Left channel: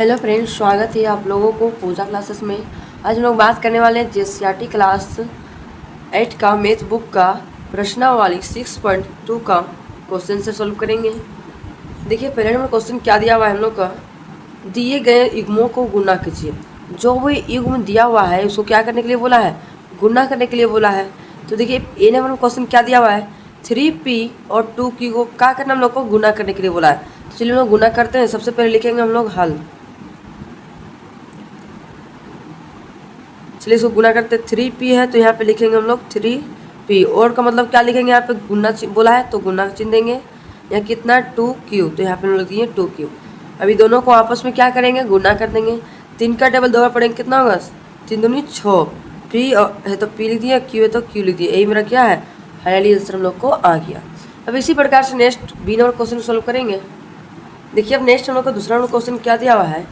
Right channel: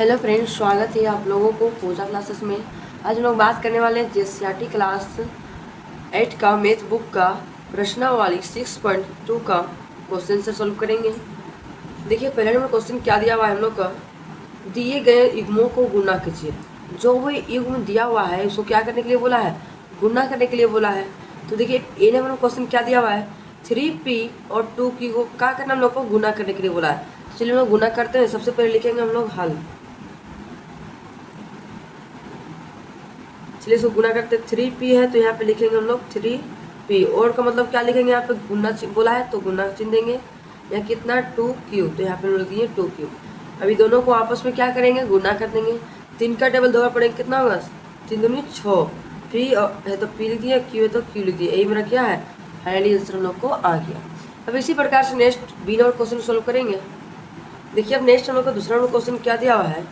Hello friends, स्वागत है आप लोगों को पूजा क्लासेस में। आज हम लोग बात करने वाले हैं जेसीईआरटी क्लास 8 का मैथ बुक का प्रश्नावली 6.2 का क्वेश्चन से सॉल्व करेंगे। देखिए, पहले नंबर क्वेश्चन क्या दिया हुआ है हम लोग का, दिए गए युग्मों को गुना कीजिए। जो भी युग्म दिया हुआ है उसको क्या करने के लिए बोला है, गुना करने के लिए बोला है। तो देखिए ए नंबर क्वेश्चन क्या दिया हुआ है, 3p और 2q को क्या करना हम लोग को गुना करने के लिए बोला है। तो चलिए हम लोग गुना करते हैं। सबसे पहले लिखेंगे हम लोग हल। चलिए इसको गुना करते 3p है तो यहाँ पे लिखेंगे हम लोग 3p। और का मतलब क्या लिखेंगे, यहाँ पे गुना बोला है तो गुना चिन्ह देंगे। यहाँ कितना 2q, तो यहाँ पे हम लोग दिए 2q। अभी दोनों को आपस में क्या करेंगे, गुना कर देंगे। 3 का टेबल 2 बार पढ़ेंगे, कितना होगा 3 दूनी 6। p है तो p लिख दिया, q है तो q लिख दिया। यही मेरा क्या है, फाइनली आंसर हम लोग को आ गया। अब इसी प्रकार से next B number question solve करेंगे। देखिए अब नेक्स्ट हम लोग का दूसरा नंबर क्वेश्चन क्या दिया हुआ है,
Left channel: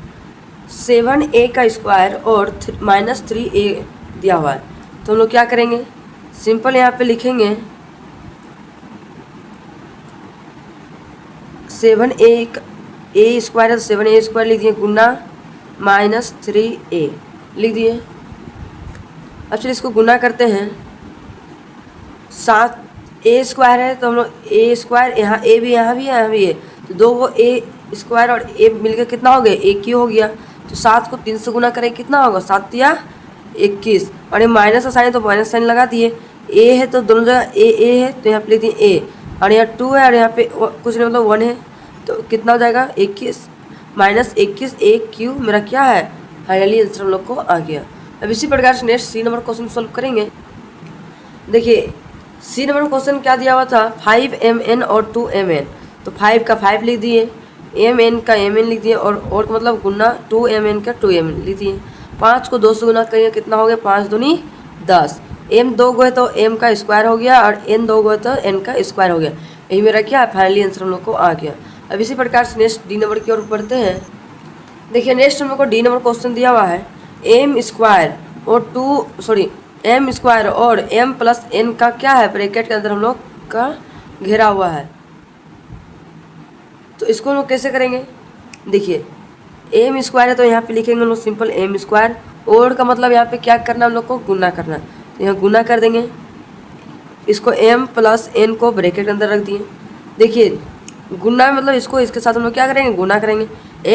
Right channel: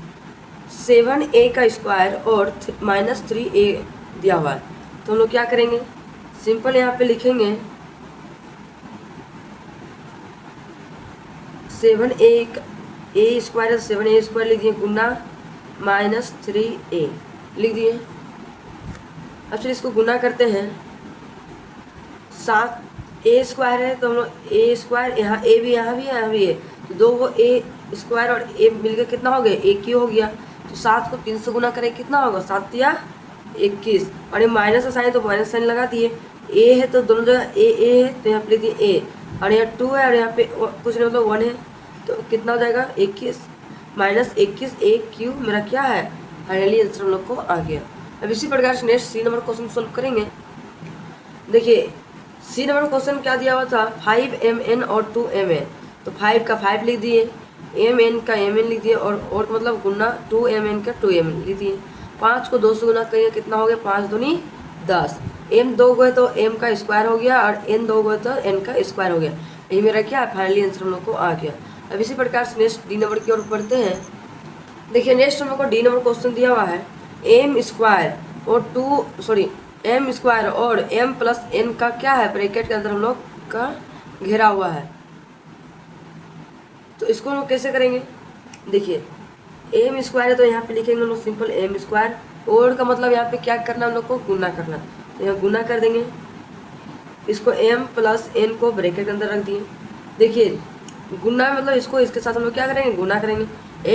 7a का स्क्वायर और -3a दिया हुआ है। तो हम लोग क्या करेंगे, सिंपल यहाँ पे लिखेंगे 7a स्क्वायर है तो 7a स्क्वायर लिख दिए, गुना -3a लिख दिए। अब चलिए इसको गुना करते हैं। 7a स्क्वायर है तो हम लोग a स्क्वायर, यहाँ a भी यहाँ भी है यहाँ भी है, तो दो को a स्क्वायर और a मिलकर कितना हो गया, 1 हो गया। तो 7 को 3 से गुना करें, कितना होगा 7 या 21। और ये माइनस का साइन तो माइनस साइन लगा दिए। a है तो दोनों जगह a है तो यहाँ पे लिख दिए a, और यहाँ 2 है और यहाँ पे कुछ नहीं मतलब 1 है, तो कितना हो जाएगा 21 -21 a³ मेरा क्या है, फाइनली आंसर हम लोग को आ गया। अब इसी प्रकार से next C number question solve करेंगे। देखिए सी नंबर क्वेश्चन क्या दिया हुआ था, 5mn और 2mn। तो 5 का 5 लिख दिए, mn का mn लिख दिए, और का मतलब गुना 2mn का 2mn लिख दिए। 5 को 2 से गुना करेंगे, कितना हो गया 5 दूनी 10। m 2 गो है तो m का स्क्वायर हो गया, और n 2 गो है तो n का स्क्वायर हो गया। यही मेरा क्या है, फाइनली आंसर हम लोग को आ गया। अब इसी प्रकार से नेक्स्ट डी नंबर की ओर बढ़ते हैं। देखिए नेक्स्ट हम लोग को डी नंबर क्वेश्चन दिया हुआ है, m स्क्वायर और m स्क्वायर और m प्लस n का क्या है, ब्रैकेट के अंदर हम लोग का घेरा हुआ है। तो इसको हम लोग कैसे करेंगे, देखिए m स्क्वायर है तो यहाँ पे लिखेंगे हम लोग सिंपल m स्क्वायर, और का मतलब यहाँ पे क्या करना हम लोग को, गुना करना। तो यहाँ गुना कर देंगे, इसको m प्लस n को ब्रैकेट के अंदर रख दिए। देखिए गुना मतलब इसको इसके साथ हम लोग क्या करेंगे, गुना करेंगे।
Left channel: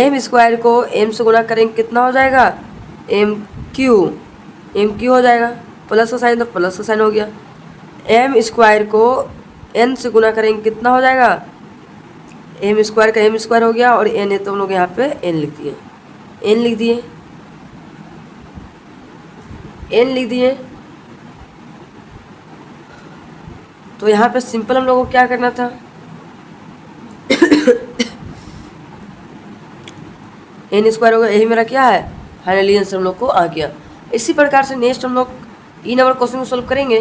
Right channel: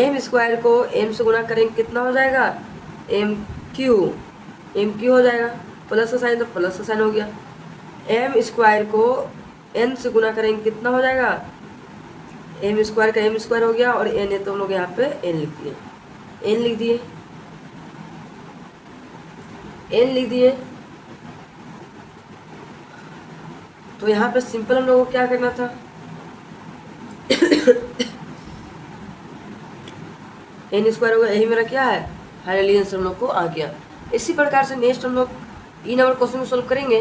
m स्क्वायर को m से गुना करेंगे, कितना हो जाएगा m³ हो जाएगा, प्लस का साइन तो प्लस का साइन हो गया। m स्क्वायर को n से गुना करेंगे, कितना हो जाएगा, m स्क्वायर का m स्क्वायर हो गया, और n है तो हम लोग यहाँ पे n लिख दिए, n लिख दिए, n लिख दिए। तो यहाँ पे सिंपल हम लोगों को क्या करना था, n स्क्वायर हो गया, यही मेरा क्या है, फाइनली आंसर हम लोग को आ गया। इसी प्रकार से नेक्स्ट हम लोग ई नंबर क्वेश्चन को सोल्व करेंगे।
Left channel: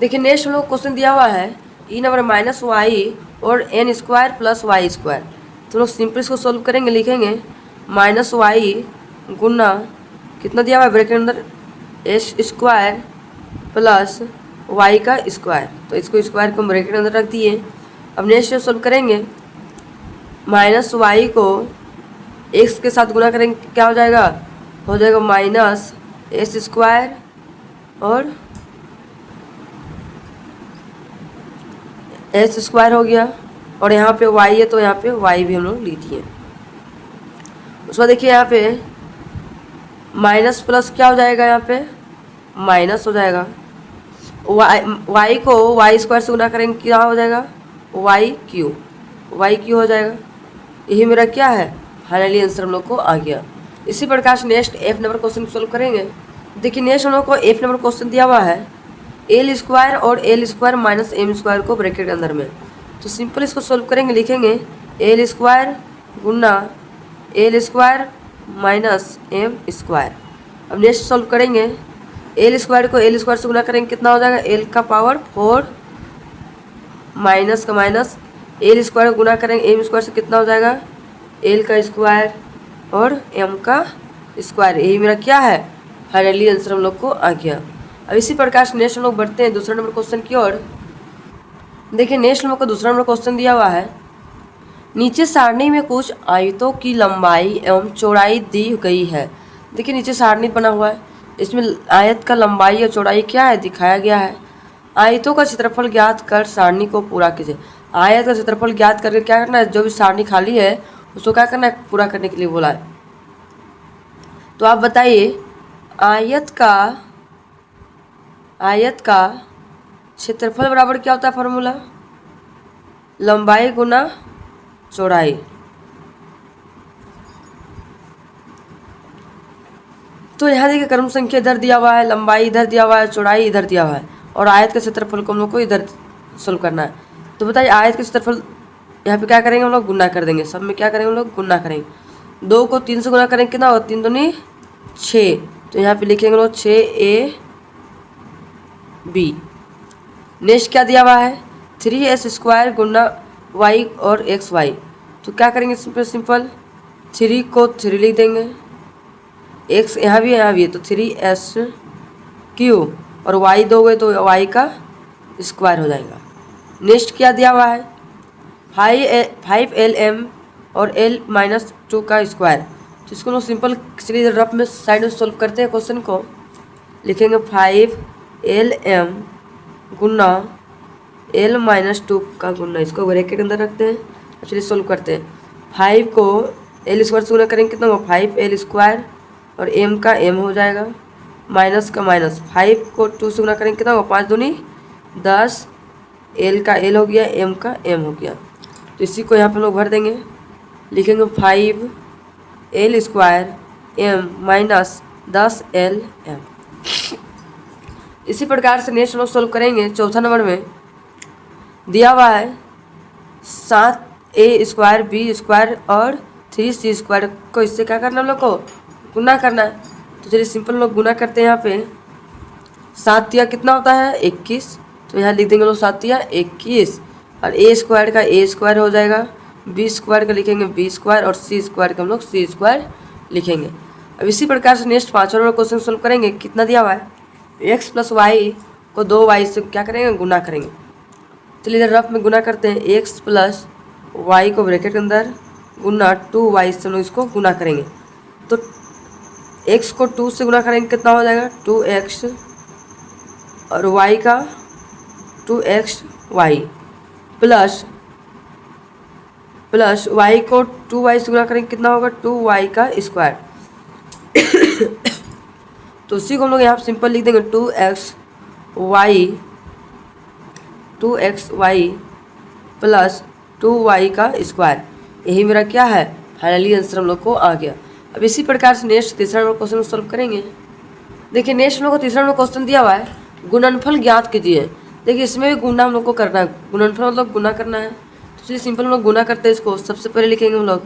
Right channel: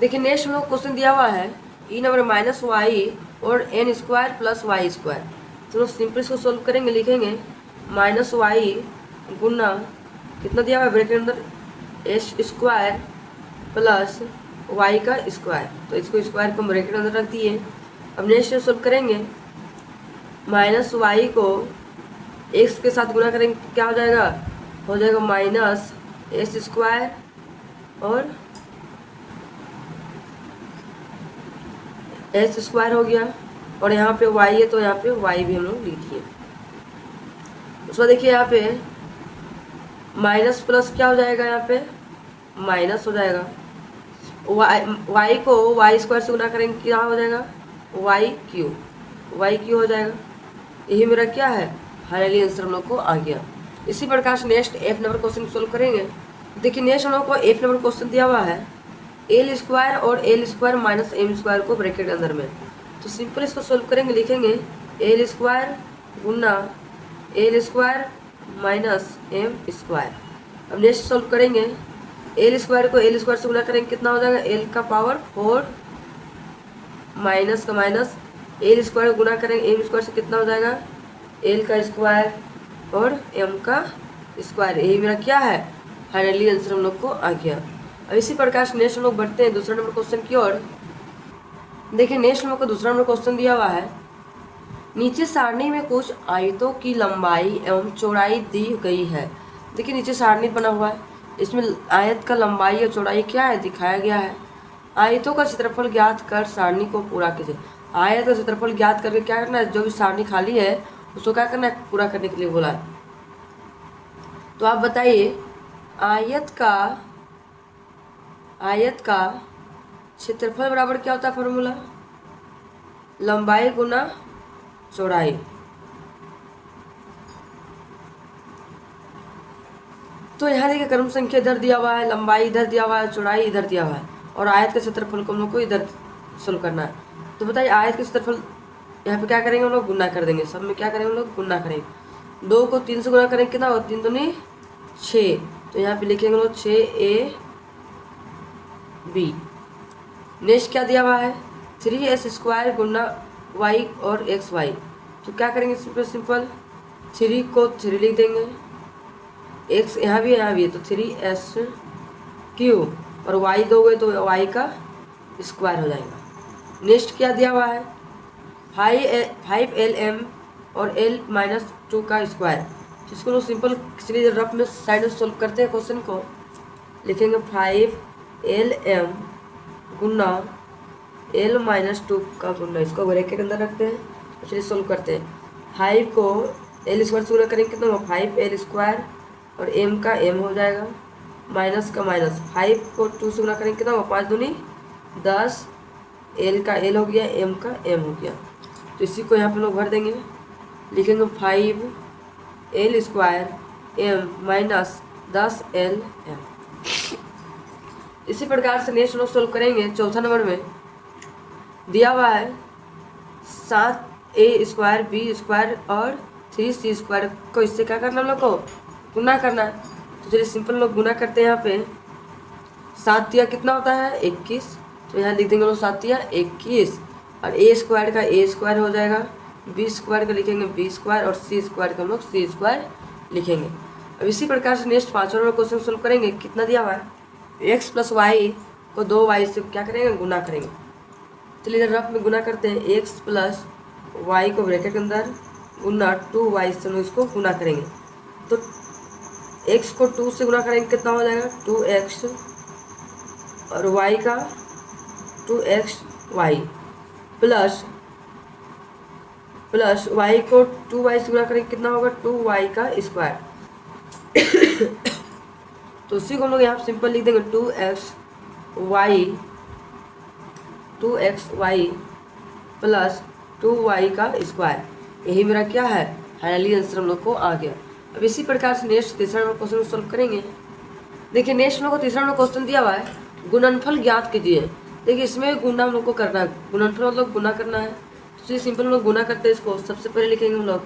देखिए नेक्स्ट हम लोग क्वेश्चन दिया हुआ है ई नंबर -y और n square plus y square. तो लोग सिंपल इसको सोल्व करेंगे, लिखेंगे -y गुना कितना दिया हुआ है, ब्रैकेट अंदर s स्क्वायर प्लस y का स्क्वायर। तो इसको स्क्वायर को ब्रैकेट अंदर रख दिए। अब नेक्स्ट सोल्व करेंगे, -y को x के साथ गुना करेंगे, क्या हो जाएगा -s स्क्वायर और s स्क्वायर हो गया, और यहाँ पे y है तो यहाँ पे y भी हम लोग लिख दिए। उसके बाद देखिए यहाँ पे माइनस प्लस क्या हो जाएगा, यहाँ पे माइनस हो जाएगा। y को y स्क्वायर से गुना करेंगे, क्या हो जाएगा y³ हो जाएगा। यही मेरा क्या है, फाइनली आंसर हम लोग को आ गया। इसी प्रकार से next F number question solve करेंगे। देखिए नेक्स्ट हम लोग को एफ नंबर क्वेश्चन दिया हुआ है, एल स्क्वायर और L square minus M square को ब्रैकेट के अंदर में। तो सिंपल इसको सोल्व करेंगे, लिखेंगे एल स्क्वायर गुना L square minus M square. अब नेक्स्ट सोल्व करेंगे, एल स्क्वायर को एल स्क्वायर से गुना करेंगे, कितना हो जाएगा एल का पावर 4 माइनस का माइनस एल स्क्वायर को गुना करेंगे एम स्क्वायर से, कितना हो जाएगा एल का स्क्वायर और m का स्क्वायर। यही मेरा क्या है, फाइनली आंसर हम लोग को आ गया। अब इसी प्रकार से नेक्स्ट हम लोग बढ़ते हैं दूसरा नंबर क्वेश्चन की ओर। देखिए नेक्स्ट हम लोग को दूसरा नंबर क्वेश्चन दिया हुआ है, नीचे सारणी में कुछ आयतों की लंबाई एवं चौड़ाई दी गई है। देखिए नीचे सारणी बना हुआ है, इसमें आयत का लंबाई और चौड़ाई क्या है दिखाया गया है। आयतों का क्षेत्रफल ज्ञात कर सारणी को पूरा कीजिए। आयत का क्षेत्रफल ज्ञात करके क्या करना है, जो भी सारणी खाली है उसको क्या करना है, पूरा करने के लिए बोला है। तो आप बताइए आयत का क्षेत्रफल बराबर क्या होता है, फॉर्मूला लंबाई गुना चौड़ाई। तो यहाँ देखिए क्रम संख्या इधर दिया हुआ है, लंबाई इधर दिया हुआ है, चौड़ाई इधर दिया हुआ है, और आयत का क्षेत्रफल को हम लोग को इधर सोल्व करना है। तो बताइए आयत का क्षेत्रफल यहाँ पे क्या करेंगे हम लोग, गुना कर देंगे। सब में क्या करेंगे हम लोग, गुना करेंगे। 2 को 3 से गुना करेंगे कितना होगा, 3 दूनी 6। तो यहाँ पे लिखेंगे लोग 6ab। नेक्स्ट क्या दिया हुआ है, 3s² गुना y और xy। तो क्या करेंगे सिंपल 3 को 3 लिख देंगे, x यहाँ भी है तो 3s³ और y दोगे तो y का स्क्वायर हो जाएगा। नेक्स्ट क्या दिया हुआ है, 5lm और l-2 का स्क्वायर। तो इसको लोग सिंपल चलिए रफ में साइड में सोल्व करते हैं क्वेश्चन को। लिखेंगे 5lm गुना l-2 का गुना, इसको ब्रैकेट अंदर रखते हैं। चलिए सोल्व करते हैं। 5 को l² से गुना करेंगे कितना होगा, 5l² और m का m हो जाएगा, माइनस का माइनस। 5 को 2 से गुना करेंगे कितना होगा, 5 दूनी 10, l का l हो गया, m का m हो गया। तो इसी को यहाँ पर लोग भर देंगे। लिखेंगे 5l² m माइनस 10lm। इसी प्रकार से नेक्स्ट लोग सोल्व करेंगे। चौथा नंबर में दिया हुआ है 7a² b² और 3c² को इससे क्या करना हम लोग को, गुना करना है। तो चलिए सिंपल लोग गुना करते हैं। यहाँ पे 7 या कितना होता है 21, तो यहाँ लिख देंगे लोग 7 या 21, और a² का a² हो जाएगा, b² का लिखेंगे b² और c² का हम लोग c² लिखेंगे। अब इसी प्रकार से नेक्स्ट 5वां नंबर क्वेश्चन सोल्व करेंगे। कितना दिया हुआ है, x + y को 2y से क्या करेंगे, गुना करेंगे। चलिए इधर रफ में गुना करते हैं। x + y को ब्रैकेट के अंदर गुना 2y से हम लोग इसको गुना करेंगे। तो x को 2 से गुना करेंगे कितना हो जाएगा, 2x और y का 2xy प्लस y को 2y से गुना करेंगे कितना होगा, 2y का स्क्वायर। तो उसी को हम लोग यहाँ सिंपल लिख देंगे 2xy प्लस 2y का स्क्वायर। यही मेरा क्या है, फाइनली आंसर हम लोग को आ गया। अब इसी प्रकार से नेक्स्ट तीसरा नंबर क्वेश्चन सोल्व करेंगे। देखिए नेक्स्ट हम लोग को तीसरा नंबर क्वेश्चन दिया हुआ है, गुणनफल ज्ञात कीजिए। देखिए इसमें भी गुना हम लोग को करना है, गुणनफल मतलब गुना करना है। तो चलिए सिंपल हम लोग गुना करते हैं इसको। सबसे पहले लिखेंगे हम लोग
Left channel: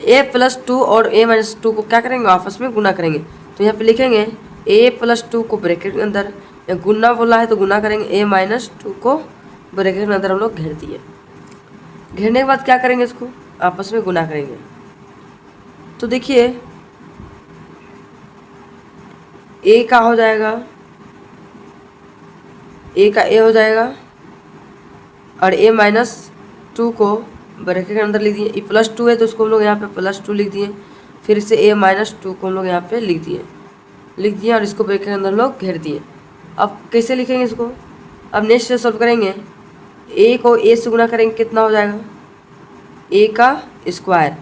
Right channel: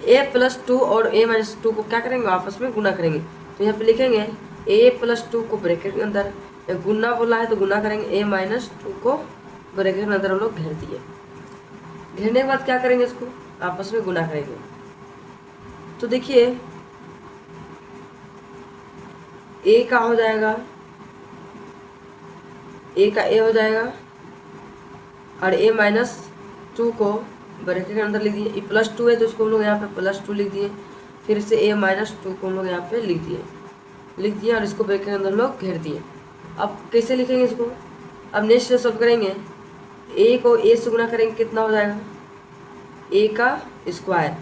a+2 और a-2 को क्या करेंगे, आपस में गुना करेंगे। तो यहाँ पे लिखेंगे a+2 को ब्रैकेट के अंदर, गुना बोला है तो गुना करेंगे, a-2 को ब्रैकेट के अंदर हम लोग घेर दिए। घेरने के बाद क्या करेंगे, इसको आपस में गुना करेंगे। तो देखिए a का हो जाएगा, a का a हो जाएगा, और a-2 को ब्रैकेट के अंदर लिख दिए। ये +2 है तो उसको हम लोग यहाँ पे +2 लिख दिए। फिर से a-2 को हम लोग यहाँ पे लिख दिए और इसको ब्रैकेट के अंदर लोग घेर दिए। अब कैसे लिखेंगे इसको, अब नेक्स्ट सोल्व करेंगे। a को a से गुना करेंगे कितना हो जाएगा, a का स्क्वायर,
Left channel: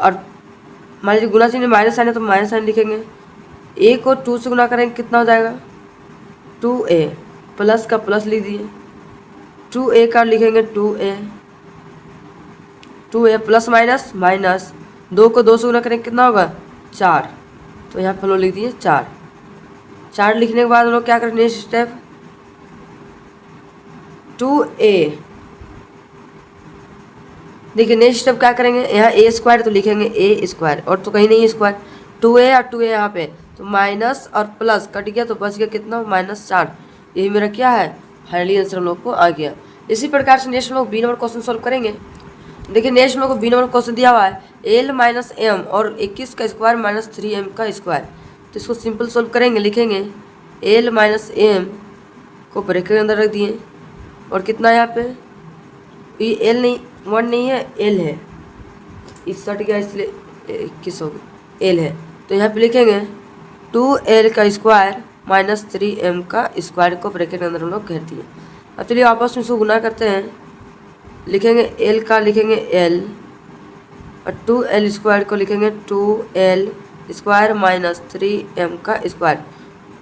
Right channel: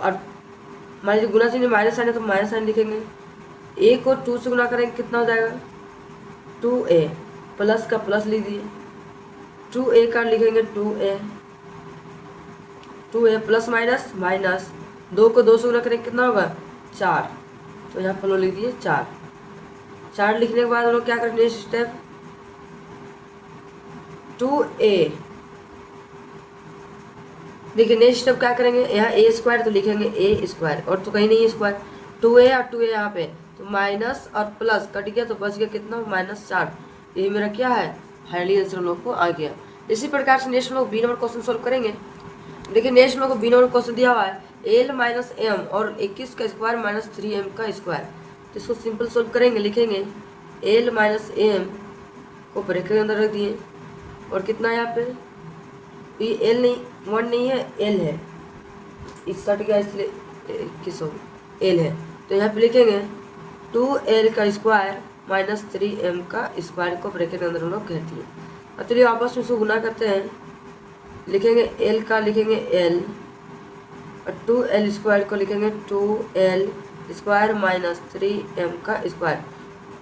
और मान लीजिए गुना चिन्ह माइनस साइन है तो माइनस साइन लिखेंगे। a को 2 से गुना करेंगे कितना हो जाएगा, 2a, प्लस का प्लस लिख दिए। 2a का लिखेंगे 2a प्लस माइनस माइनस, 2 को 2 से गुना करेंगे कितना होगा, 4। तो यहाँ पर लोग लिख दिए 4 लिखने के बाद हम लोग क्या करेंगे, नेक्स्ट स्टेप 2a। देखिए नेक्स्ट स्टेप क्या करेंगे, यहाँ a² तो लिखेंगे a², और तो कहीं नहीं है स्क्वायर, 2a और 2a यहाँ पे, तो माइनस और प्लस कट गया तो बच गया कितना, -4। यही मेरा क्या है, फाइनली आंसर हम लोग को आ गया। इसी प्रकार से नेक्स्ट हम लोग बी नंबर क्वेश्चन सोल्व करेंगे। देखिए नेक्स्ट हम लोग को बी नंबर क्वेश्चन दिया हुआ है l - m और 21 का स्क्वायर माइनस 3m का स्क्वायर। तो इसको सिंपल सोल्व करेंगे। लिखेंगे l - m को ब्रैकेट के अंदर रख दिए, और कितना यहाँ पे ये एल नहीं, 1 नहीं है, एल है, इस सट गया इसलिए 21 हो गया, एल है। तो यहाँ पे लिखेंगे 2l का स्क्वायर माइनस 3m का स्क्वायर को ब्रैकेट के अंदर हम लोग घेर दिए। अब चलिए आपस में इसको गुना करते हैं, लिखेंगे l का लिखेंगे l और 2l स्क्वायर को लिखेंगे 2l स्क्वायर माइनस 3m का स्क्वायर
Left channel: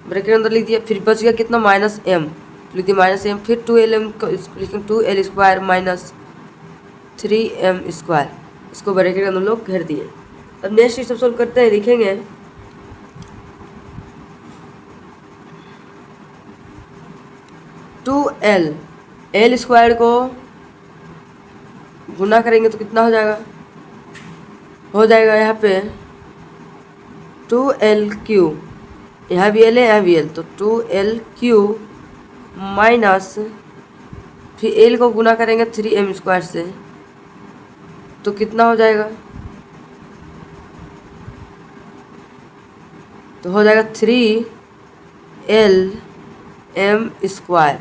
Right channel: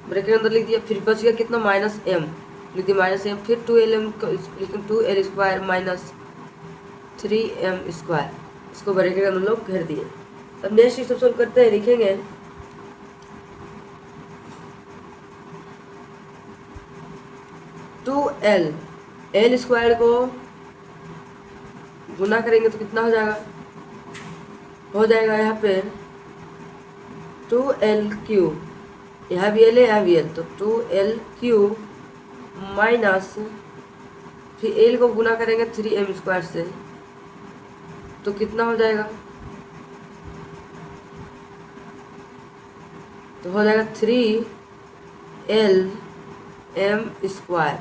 ब्रैकेट के अंदर लिख दिया। फिर बच गया कितना, माइनस m, लिख दिया माइनस m, फिर 2lm को लिखेंगे 2l square minus 3m square, इसको ब्रैकेट के अंदर हम लोग घेर दिए। अब नेक्स्ट सब सोल्व करते हैं, लिखेंगे 2l, l स्क्वायर को गुना करेंगे तो कितना हो जाएगा यहाँ पे 2l क्यू, यहाँ भी l है यहाँ भी l, तो 2l क्यू माइनस, फिर l को गुना करेंगे 3m स्क्वायर से तो कितना हो जाएगा, तो हो जाएगा 3l m स्क्वायर,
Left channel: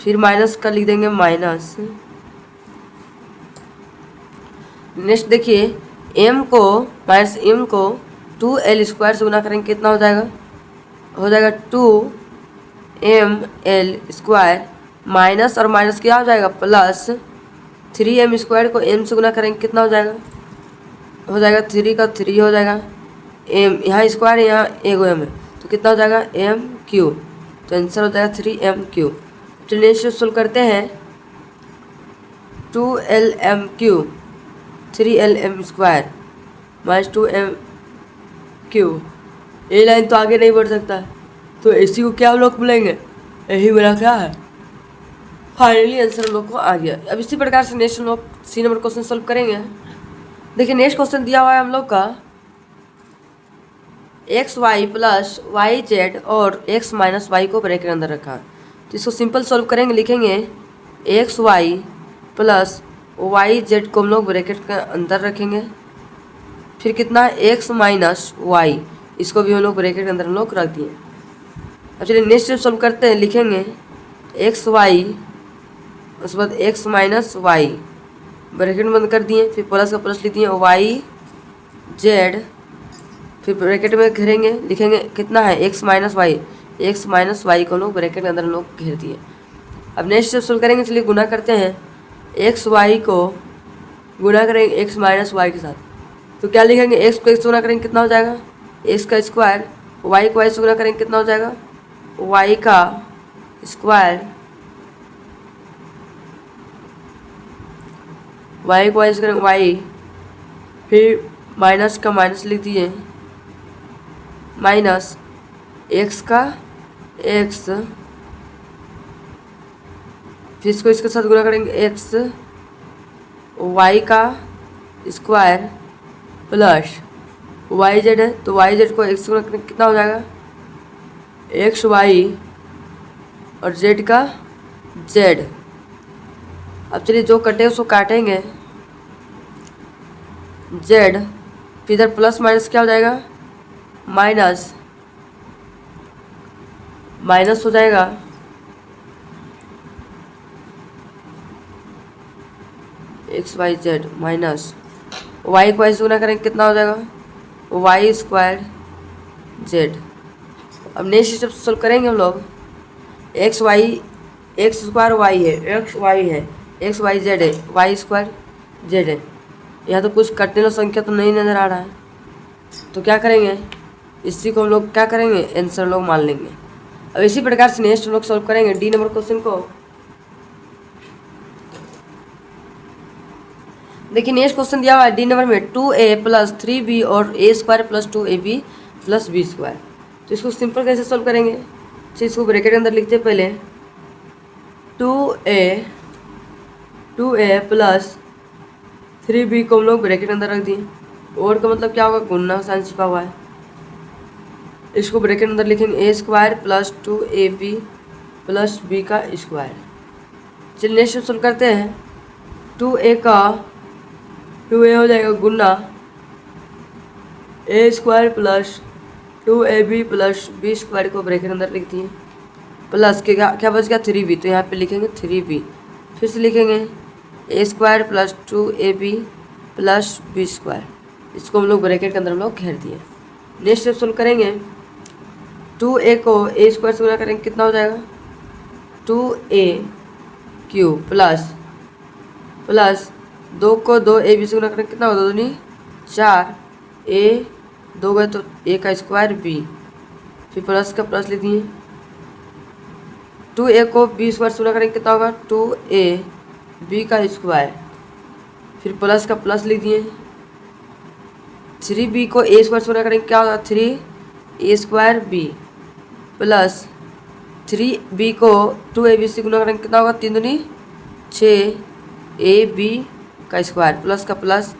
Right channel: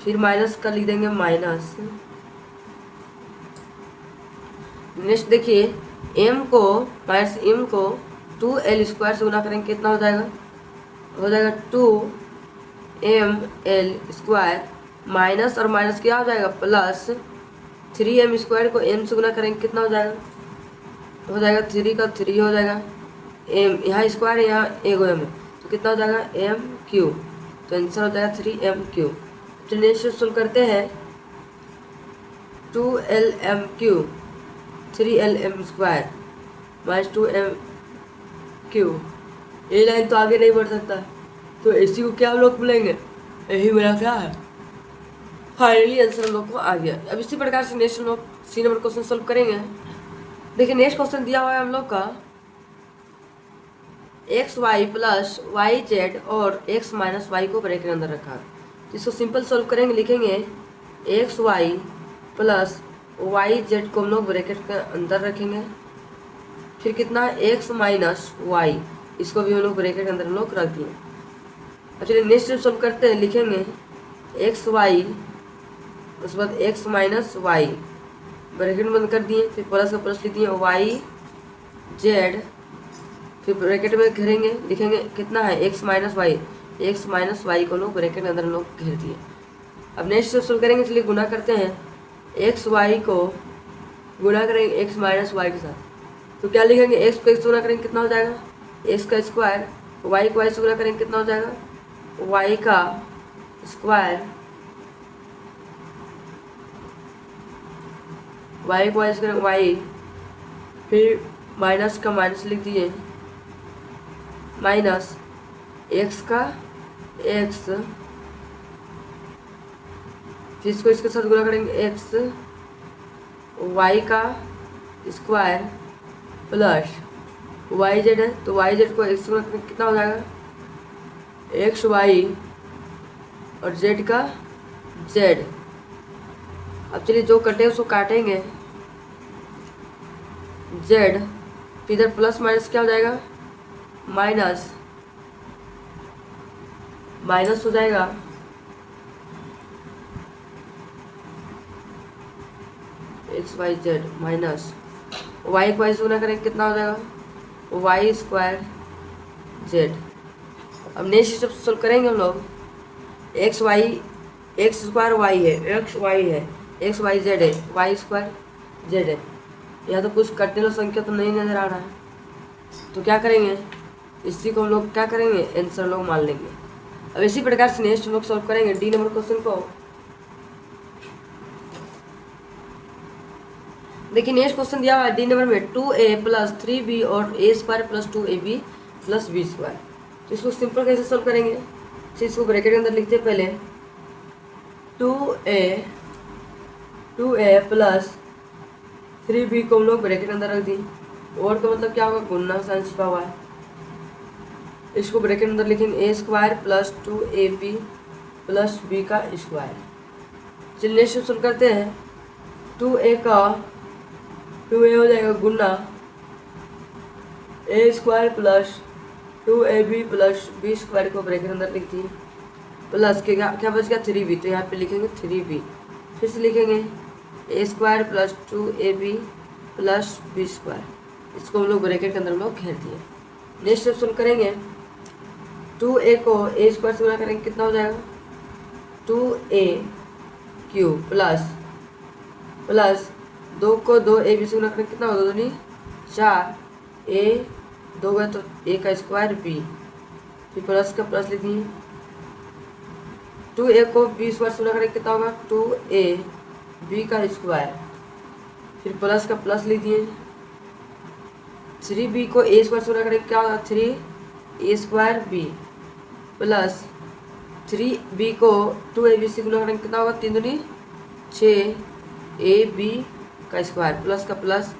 फिर माइनस का लिख देंगे माइनस। नेक्स्ट देखिए m को माइनस m को 2l स्क्वायर से गुना करेंगे कितना हो जाएगा 2ml स्क्वायर माइनस और माइनस क्या हो जाएगा प्लस 3m स्क्वायर को m से गुना करेंगे कितना हो जाएगा 3 का 3 हो जाएगा, m यहाँ स्क्वायर है यहाँ एगो m है तो कितना हो जाएगा m क्यू, तो आंसर हो जाएगा 3m क्यू। तो नेक्स्ट सोल्व करते हैं 2lm Q 3lm square minus 2m Q, ये लाइन तो आगे नहीं बढ़ सकता, तो इसी को क्या हम लोग बोलेंगे, यही मेरा क्या है फाइनली आंसर हम लोग को आ गया। अब इसी प्रकार से नेक्स्ट हम लोग सी नंबर क्वेश्चन सोल्व करेंगे। देखिए नेक्स्ट क्वेश्चन दिया हुआ है हम लोग का x y plus y z और एक्स माइनस वाई को ब्रैकेट के अंदर रखा, तो इसको सिंपल सॉल्व करेंगे, लिखेंगे x y plus y z को हम लोग ब्रैकेट के अंदर रखेंगे, फिर कितना एक्स माइनस वाई, इसको भी हम लोग ब्रैकेट के अंदर हम लोग रख दिए। अब चलिए नेक्स्ट स्टेप सॉल्व करते हैं, लिखेंगे एक्स वाई उसके बाद एक्स माइनस वाई ब्रैकेट बंद कर दिए, फिर प्लस का प्लस लिख दिए वाई जेड, फिर ब्रैकेट में घेरेंगे, लिखेंगे कितना है एक्स माइनस वाई को हम लोग ब्रैकेट के अंदर हम लोग घेर दिए। अब नेक्स्ट स्टेप सोल्व करेंगे, चलिए गुना करते हैं, एक्स वाई को गुना करेंगे एक्स माइनस वाई के साथ, तो क्या लिखेंगे एक्स को एक्स गुना करेंगे कितना हो जाएगा एक्स का स्क्वायर, वाई को वाई से गुना करेंगे कितना हो जाएगा वाई का स्क्वायर, वाई को वाई से करेंगे वाई, फिर माइनस का माइनस लिख दिए माइनस एक्स का एक्स, फिर इसको इसके साथ गुणा करेंगे एक्स वाई का स्क्वायर प्लस वाई जेड है तो वाई जेड को एक्स गुणा करेंगे कितना हो जाएगा एक्स वाई और जेड का जेड। अब चलिए जो कटे उसको काटेंगे, जेड फिर इधर प्लस माइनस क्या हो जाएगा माइनस हो जाएगा x y z minus y को वाई से गुना करेंगे कितना हो जाएगा वाई स्क्वायर जेड। अब नेक्स्ट स्टेप सोल्व करेंगे हम लोग, एक्स स्क्वायर वाई है, एक्स वाई जेड है, वाई स्क्वायर जेड है, यहाँ तो कुछ कटने वाला संख्या तो नहीं नज़र आ रहा है, तो क्या करेंगे इसी को हम लोग क्या करेंगे आंसर लोग मान लेंगे। अब इसी प्रकार से नेक्स्ट हम लोग सॉल्व करेंगे डी नंबर क्वेश्चन को। देखिए नेक्स्ट क्वेश्चन दिया हुआ है डी नंबर में 2a प्लस 3b और a square plus 2ab plus b square, तो इसको सिंपल कैसे सॉल्व करेंगे, तो इसको ब्रैकेट के अंदर लिखते हैं पहले 2a प्लस 3b को हम लोग ब्रैकेट के अंदर रख दिए, और का मतलब क्या होगा गुणा साइन छिपा हुआ है, इसको ब्रैकेट अंदर लिखेंगे A square plus 2ab plus b का स्क्वायर। चलिए नेक्स्ट सोल्व करते हैं, 2a हो जाएगा गुना A square plus 2ab plus b square को ब्रैकेट अंदर लिख दिए, प्लस के क्या बच गया 3b, तो यहाँ पे लिखेंगे 3b, फिर से लिखेंगे A square plus 2ab plus B square, इसको हम लोग ब्रैकेट के अंदर हम लोग घेर दिए। नेक्स्ट स्टेप सोल्व करेंगे, 2a को ए स्क्वायर से गुणा करेंगे कितना हो जाएगा 2a³ प्लस 2 को 2ab से गुणा करेंगे कितना होगा 2 दूनी 4, a 2 गए तो a का स्क्वायर b, फिर प्लस का प्लस लिख दिए। 2a को b स्क्वायर से गुणा करेंगे कितना होगा 2ab का स्क्वायर, फिर प्लस का प्लस लिख दिए। 3b को a स्क्वायर से गुणा करेंगे क्या होगा 3a square b plus 3b को 2ab से गुणा करेंगे कितना होगा 3 दूनी 6ab का स्क्वायर प्लस का प्लस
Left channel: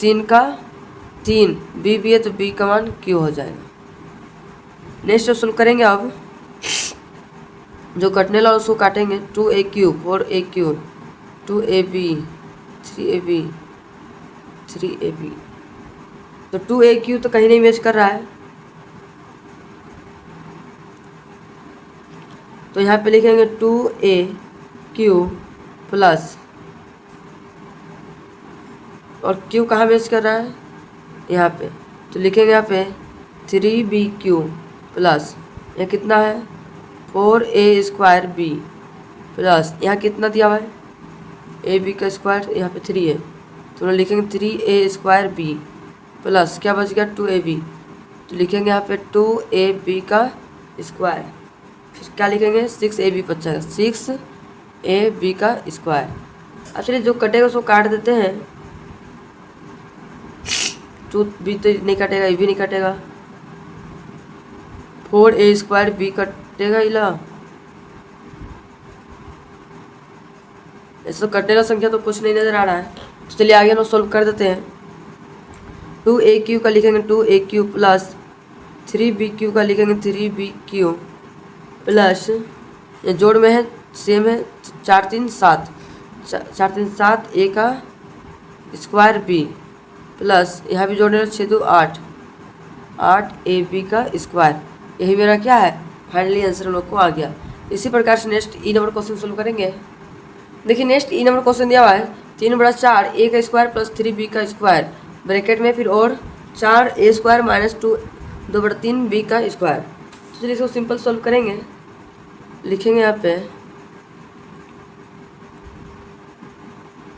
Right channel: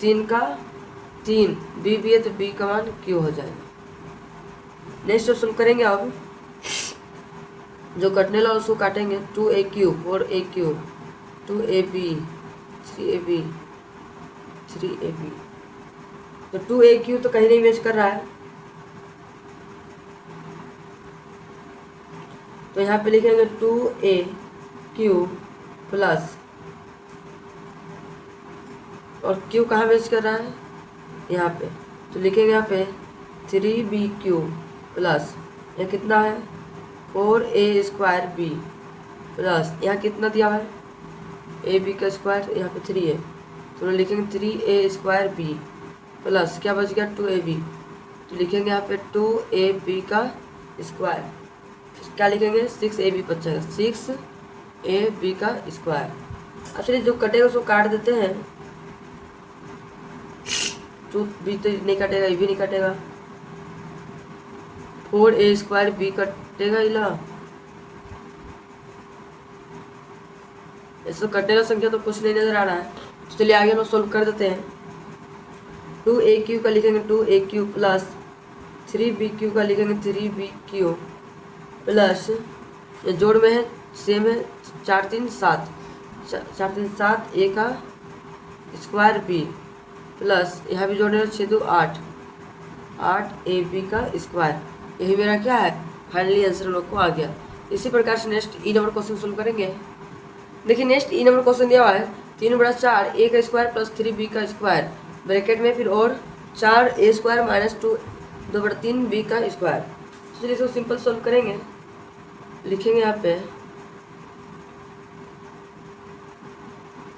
3 का 3 b है तो b का मान q हो जाएगा। नेक्स्ट सोल्व करेंगे, अब जो कटने वाला उसको काटेंगे 2a³ 4a³ 2ab 3ab तो 2a³ तो कहीं नहीं मैच कर रहा है, तो यहाँ पे लिखेंगे 2a³ प्लस, और q कहाँ मैच कर रहा है यहाँ पे, तो लिखेंगे यहाँ पे 3b³ प्लस यह कितना है 4a स्क्वायर b प्लस यहाँ कितना दिया हुआ है ab का स्क्वायर, यहाँ पे 3 है तो हम लिखेंगे 3a स्क्वायर b प्लस क्या बच गया 2ab, तो लिखेंगे यहाँ पे 2ab का स्क्वायर, फिर क्या लिखेंगे 6ab बचा 6ab का स्क्वायर। अब चलिए जो कटेगा उसको काट देते हैं, 2b तो नहीं कटेगा, ये भी नहीं कटेगा, 4a स्क्वायर b कटेगा इला, ऐसा कटने वाला संख्या तो कुछ नहीं नजर आ रहा है, तो चलिए आगे हम सोल्व कर देते हैं। 2a³ का लिखेंगे 2a³ प्लस 3b³ का लिखेंगे 3b³ प्लस ये जोड़ में है सेम है 4 3 7 4 3 7 a का स्क्वायर b प्लस यहाँ भी जोड़ने 6 2 8 8ab का स्क्वायर, यही मेरा क्या है फाइनली आंसर हम लोग को आ गया। इसी प्रकार से नेक्स्ट ई नंबर क्वेश्चन सोल्व करेंगे। देखिए नेक्स्ट ई नंबर क्वेश्चन दिया हुआ है 3/4 a का स्क्वायर प्लस 3b का स्क्वायर ब्रैकेट में फिर और 4a स्क्वायर माइनस 2/3 b का स्क्वायर। तो चलिए इसको सिंपल सोल्व करेंगे, लिखेंगे यहाँ पे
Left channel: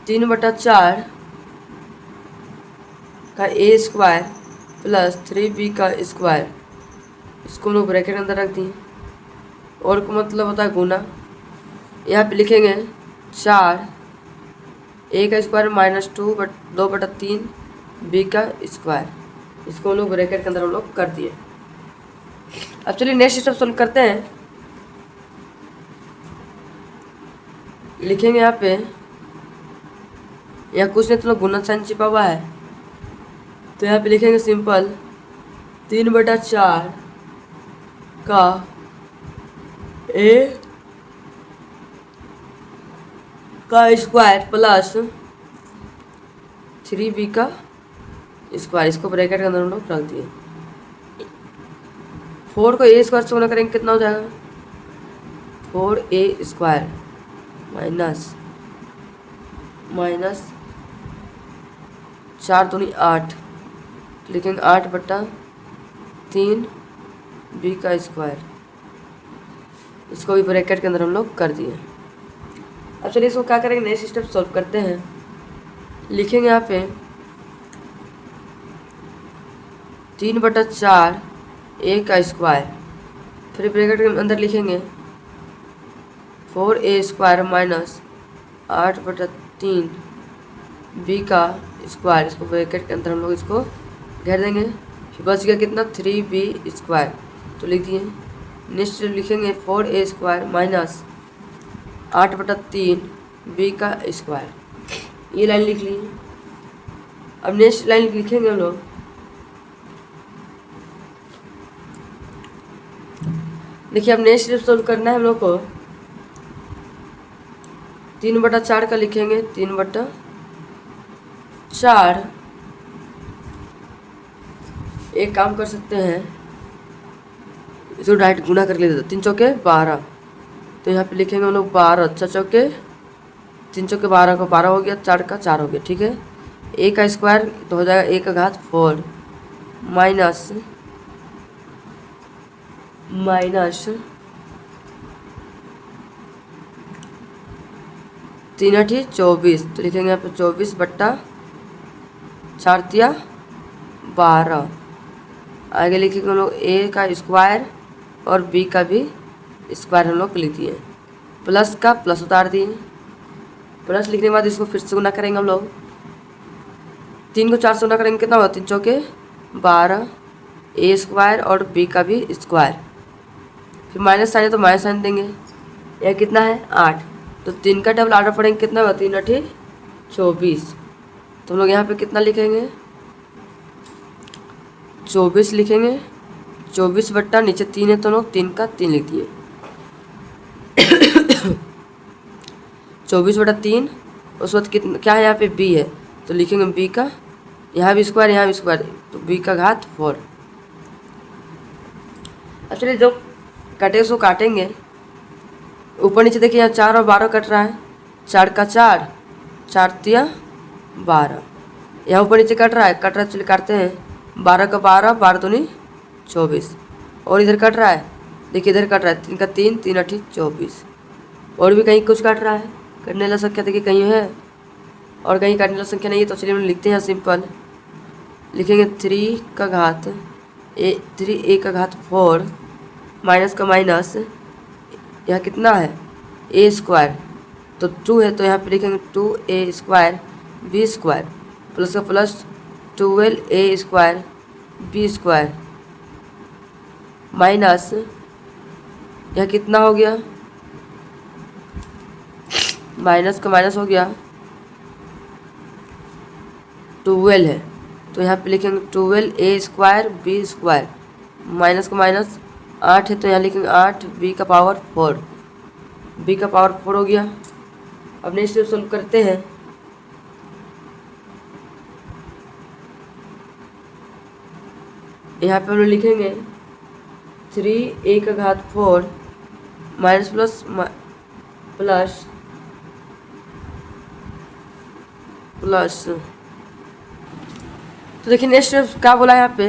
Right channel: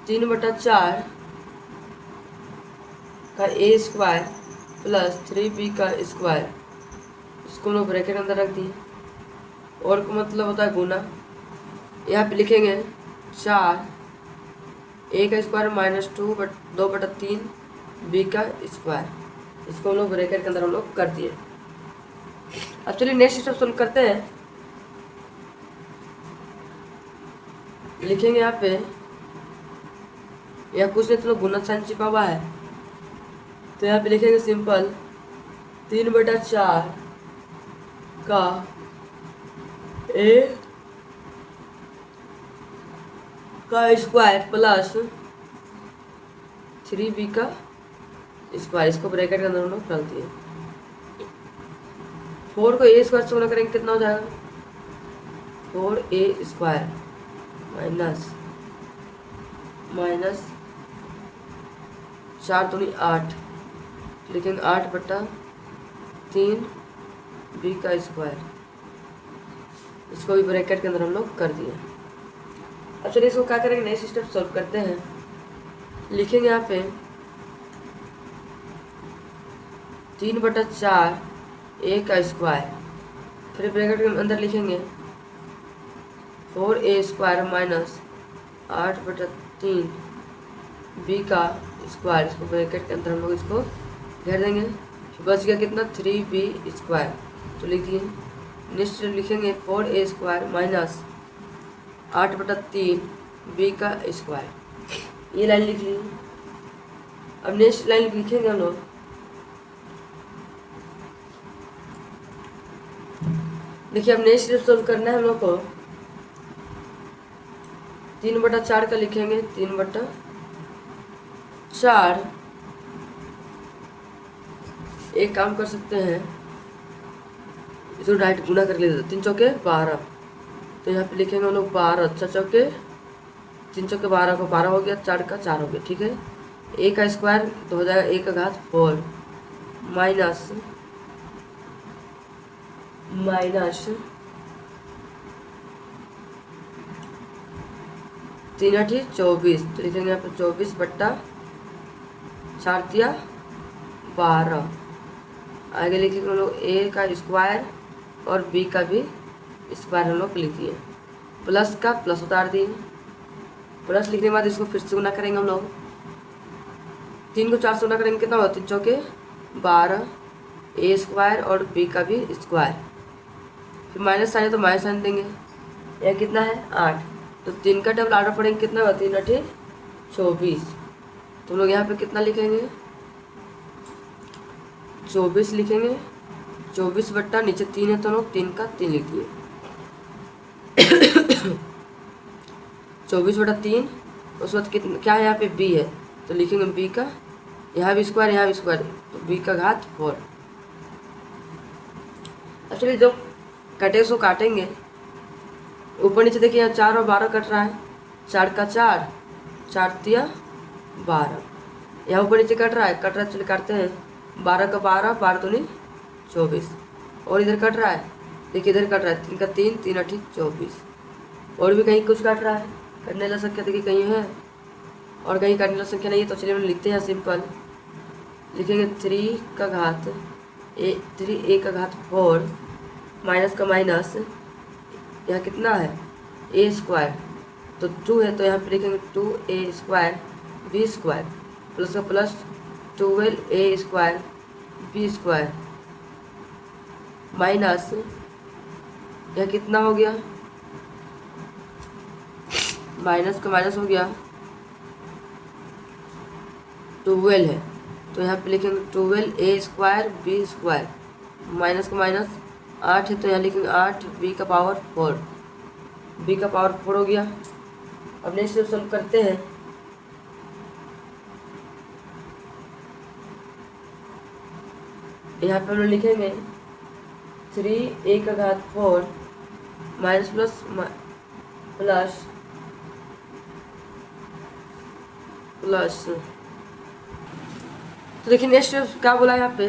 3/4 का a स्क्वायर प्लस 3b का स्क्वायर, इसको हम लोग ब्रैकेट के अंदर रख दिए, और को मतलब होता है गुना। यहाँ पे लिखेंगे 4 a का स्क्वायर माइनस 2/3 b का स्क्वायर, इसको हम लोग ब्रैकेट के अंदर हम लोग कर दिए। अब चलिए नेक्स्ट स्टेप सोल्व करते हैं। लिखेंगे यहाँ पे, या कुछ नहीं तो गुना साइन छिपा हुआ है, तो यहाँ पे लिखेंगे सिंपल 3/4 का a का स्क्वायर प्लस 3b का स्क्वायर, इसको ब्रैकेट के अंदर हम लोग रख दिए। 4 को a स्क्वायर से गुणा करेंगे कितना हो जाएगा 4a स्क्वायर माइनस 4 दूनी 8, लिखेंगे 8/3 b का स्क्वायर, इसको भी ब्रैकेट के अंदर हम लोग कर दिए। अब चलिए इसको क्या करेंगे नेक्स्ट स्टेप सॉल्व करते हैं। लिखेंगे यहाँ पे 3/4 a का स्क्वायर, फिर ब्रैकेट के अंदर लिखेंगे 4a स्क्वायर माइनस 8/3 b का स्क्वायर, इसको ब्रैकेट के अंदर हम लोग इसको घेर देंगे, फिर बच गया कितना 3b स्क्वायर, तो लिख दिए। नेक्स्ट लिखेंगे 4a स्क्वायर माइनस 8/3 b का स्क्वायर, ये लाइन लिख ली। अब नेक्स्ट लाइन लिखेंगे हम लोग, देखिए अब नेक्स्ट सोल्व करना है हम लोग को। 3/4 का लिखेंगे 3/4, एक काम कर सकते हैं इसको डायरेक्ट गुना करके ले देते, 3 चौके 12, तो यहाँ पे लिखेंगे हम लोग 12 6 चौके तीन चौके 12 को 12 हो गया, 4 का 4 हो गया, ठीक है। ए का स्क्वायर तो हो जाएगा ए का घात 4 माइनस माइनस 3 8 24, तो लिखेंगे यहाँ पे 24/4 आगे लिखेंगे हम लोग ए का स्क्वायर और बी का भी स्क्वायर हम लोग लिख दिए, प्लस का प्लस उतार दिए। प्लस लिखने के बाद इसको फिर से गुना करेंगे हम लोग, 3 को 4 से गुना करेंगे कितना होगा, 3 चौके 12 ए स्क्वायर और बी का भी स्क्वायर, फिर माइनस साइन है तो माइनस साइन देंगे। यह कितना है 8, तो 3 का डबल ऑर्डर पड़ेंगे कितना होगा, 3 8 24, तो हम लोग यहाँ पे कितना लिखेंगे 24 लिखेंगे, 24 बट्टा नीचे 3 है तो हम लोग 3 का 3 लिख दिए 24/3। उस वक्त कितना क्या है यहाँ पे बी है, तो लिखेंगे बी का यहाँ भी स्क्वायर यहाँ भी स्क्वायर, तो बी का घात 4। अब चलिए जो कटे उसको काटेंगे, ऊपर नीचे देखिए यहाँ 4 और 12 कट रहा है, 4 का 4 4 तिया 12, यहाँ ऊपर नीचे कट रहा है, चलिए काटते हैं, 12 का 12 12 दूनी 24, और इधर कट रहा है, देखिए इधर कट रहा है, 3 का 3 3 8 24, और भी कहीं कुछ कट रहा है, कटने वाला संख्या देखिए कहीं है और कहीं काटने वाला संख्या नहीं है, तो चलिए हम लिखते हैं सिंपल, लिखेंगे 3 का घात 3 ए का घात 4 माइनस का माइनस, यहाँ कितना है ए स्क्वायर तो 2 है, तो यहाँ पे लिखेंगे 2a square B square, plus का plus 12a square B square minus, यह कितना हो गया, माइनस का माइनस हो गया 12 है, तो यहाँ पे लिखेंगे 12a square B square, minus का माइनस 8 है तो यहाँ लिखेंगे 8 बी का पावर 4, बी का पावर 4 हो गया। अब नेक्स्ट सोल्व करते हैं, यहाँ पे हम लोग लिखेंगे 3a का घात 4 माइनस प्लस प्लस प्लस, तो देखिए नेक्स्ट क्या बोला है यहाँ पे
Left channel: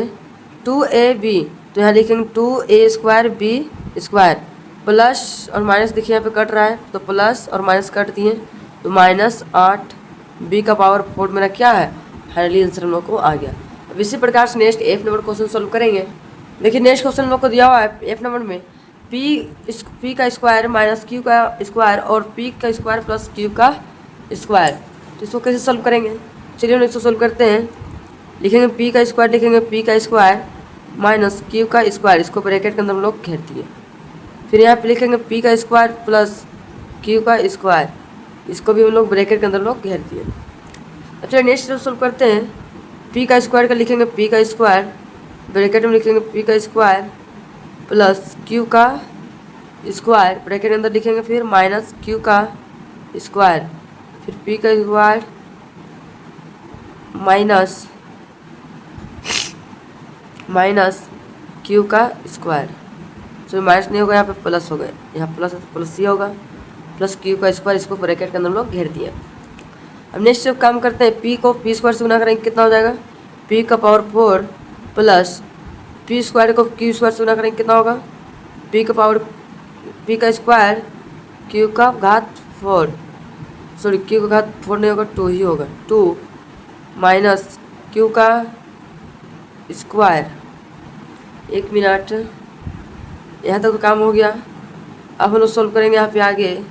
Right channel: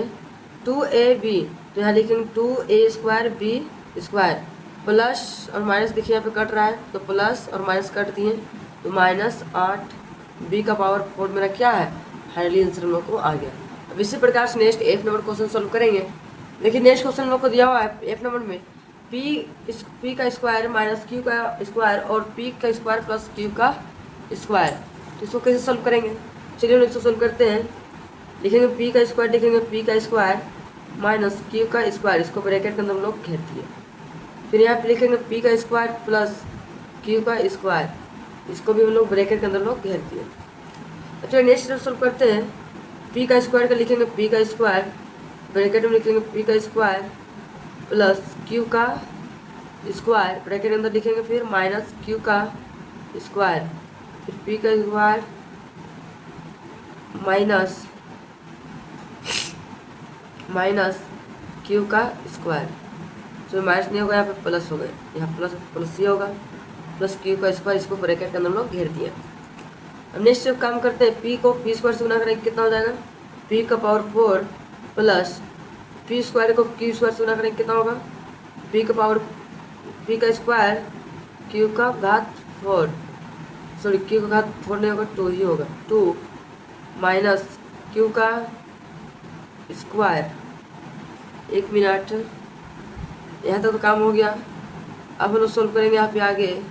2ab, तो यहाँ लिखेंगे 2a square B square, plus और माइनस देखिए यहाँ पे कट रहा है, तो प्लस और माइनस कट दिए, तो माइनस 8 बी का पावर 4 मेरा क्या है, फाइनली आंसर हम लोग को आ गया। अब इसी प्रकार से next F number question solve करेंगे। देखिए नेक्स्ट क्वेश्चन हम लोग को दिया हुआ है F नंबर में p का स्क्वायर माइनस q का स्क्वायर और p का स्क्वायर प्लस q का स्क्वायर, तो इसको कैसे सॉल्व करेंगे, चलिए हम इसको सॉल्व करते हैं। लिखेंगे p का स्क्वायर, लिखेंगे p का स्क्वायर माइनस q का स्क्वायर, इसको ब्रैकेट के अंदर हम लोग घेर दिए, फिर यहाँ पे लिखेंगे p का स्क्वायर प्लस q का स्क्वायर, इसको भी हम लोग ब्रैकेट के अंदर लोग घेर दिए। अब चलिए नेक्स्ट सॉल्व करते हैं, p का स्क्वायर का लिखेंगे p का स्क्वायर, ब्रैकेट में लिखेंगे p का स्क्वायर प्लस q का स्क्वायर, ब्रैकेट के अंदर लिखेंगे फिर माइनस q का स्क्वायर, फिर p का स्क्वायर माइनस q का स्क्वायर, तो माइनस नहीं होगा यहाँ पे प्लस हो गया, यहाँ प्लस प्लस ही होगा, प्लस q का स्क्वायर, इसको ब्रैकेट के अंदर हम लोग घेर दिए। अब नेक्स्ट जब काम करते हैं, p को p स्क्वायर से गुना करेंगे कितना हो जाएगा, p का पावर 4 प्लस p स्क्वायर को q स्क्वायर से गुना करेंगे कितना होगा, p का स्क्वायर q का घात 4, सॉरी q का घात 4 नहीं होगा 2 ही होगा, 2 माइनस q का स्क्वायर, 1 मिनट, यहाँ तक तो काम हो गया। अब हम लोग सॉल्व करेंगे यहाँ पे आगे,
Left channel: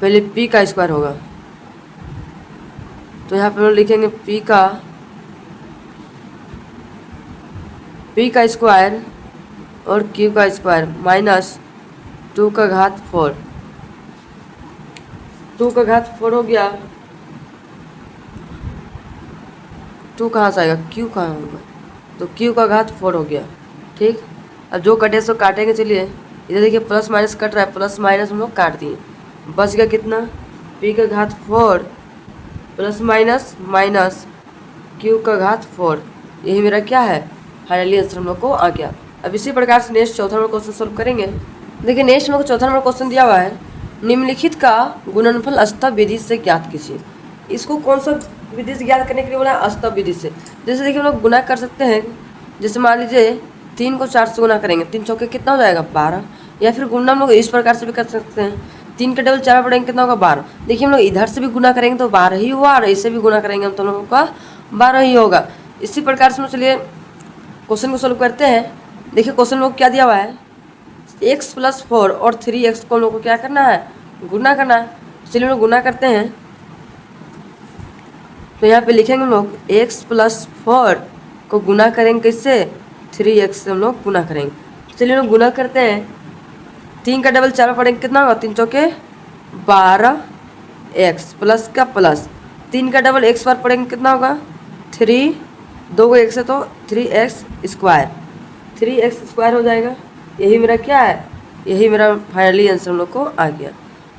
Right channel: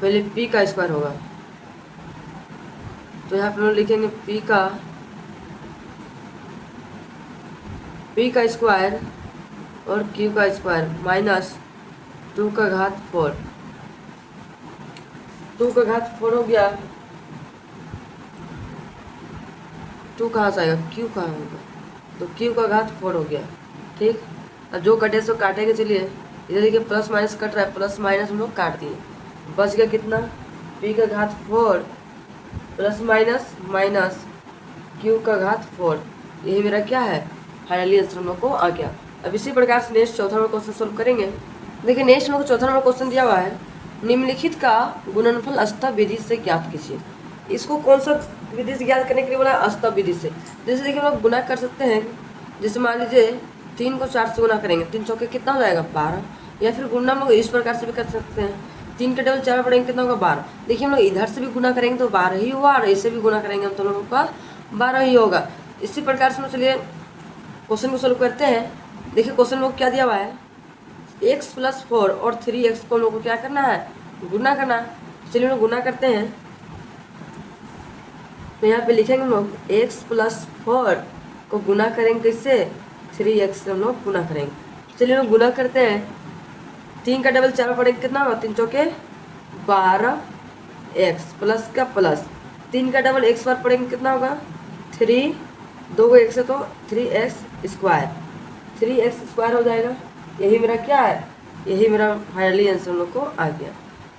पहले p का स्क्वायर होगा, तो यहाँ पे हम लोग लिखेंगे p का स्क्वायर और q का स्क्वायर माइनस 2 का घात 4, 2 का घात 4 हो गया, 2 कहाँ से आएगा, q कहाँ होगा, तो q का घात 4 हो गया, ठीक। अब जो कटे सो काटेंगे, चलिए इधर देखिए प्लस माइनस कट रहा है, प्लस माइनस हम लोग काट दिए, बच गया कितना, p का घात 4 प्लस माइनस माइनस q का घात 4, यही मेरा क्या है, फाइनली आंसर हम लोग को आ गया। अब इसी प्रकार से नेक्स्ट चौथा नंबर क्वेश्चन सॉल्व करेंगे। देखिए नेक्स्ट हम लोग को चौथा नंबर क्वेश्चन दिया हुआ है, निम्नलिखित का गुणनफल अस्तव विधि से ज्ञात कीजिए। इसको कौन सा विधि से ज्ञात करने के लिए बोला? अस्तव विधि से। जैसे देखिए हम लोग गुना कर सकते हैं, जैसे मान लीजिए 3 को 4 से गुना करेंगे, 3 चौके कितना हो जाएगा? 12। या फिर गुना हम लोग इस प्रकार से भी कर सकते हैं, 3 का डबल 4 पढ़ेंगे कितना होगा? 12। देखिए हम लोग इधर से भी गुना करेंगे तो 12 ही हुआ, और इसे भी गुना करेंगे तो हम लोगों का 12 ही होगा। इसी प्रकार से चलिए क्वेश्चन को सोल्व करते हैं। देखिए क्वेश्चन में क्या दिया हुआ है, x + 4 और 3x को हम लोग को क्या करना है? गुना करना है। चलिए हम लोग गुना करते हैं, तो यहाँ पे लिखेंगे हम लोग x + 4 को गुना करेंगे किससे? 3x से हम लोग गुना करेंगे। चलिए हम लोग गुना करते हैं, 3 का डबल 4 पढ़ेंगे कितना होगा? 3 चौके 12x प्लस का प्लस 3 का डबल x बार पढ़ेंगे कितना होगा? 3, 2 को 1 से तो 3x² हो जाएगा। यही मेरा क्या है? यही मेरा फाइनली आंसर हम लोग को आ गया।